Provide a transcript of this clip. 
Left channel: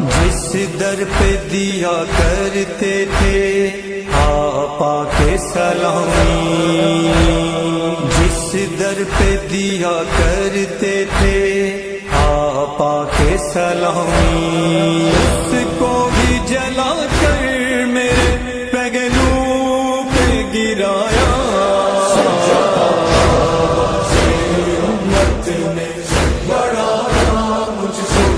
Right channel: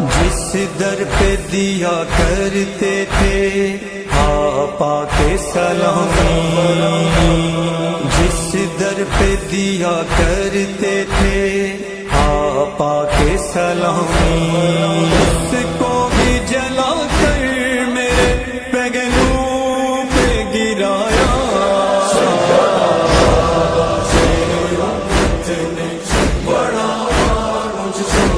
جس در پہ دیا کرتے تھے آپا کے سلامی، جس در پہ دیا کرتے تھے آپا کے سلامی، اس کو بھی جلا کر میرے پگلو پہ گرایا۔ بڑا مجھ سے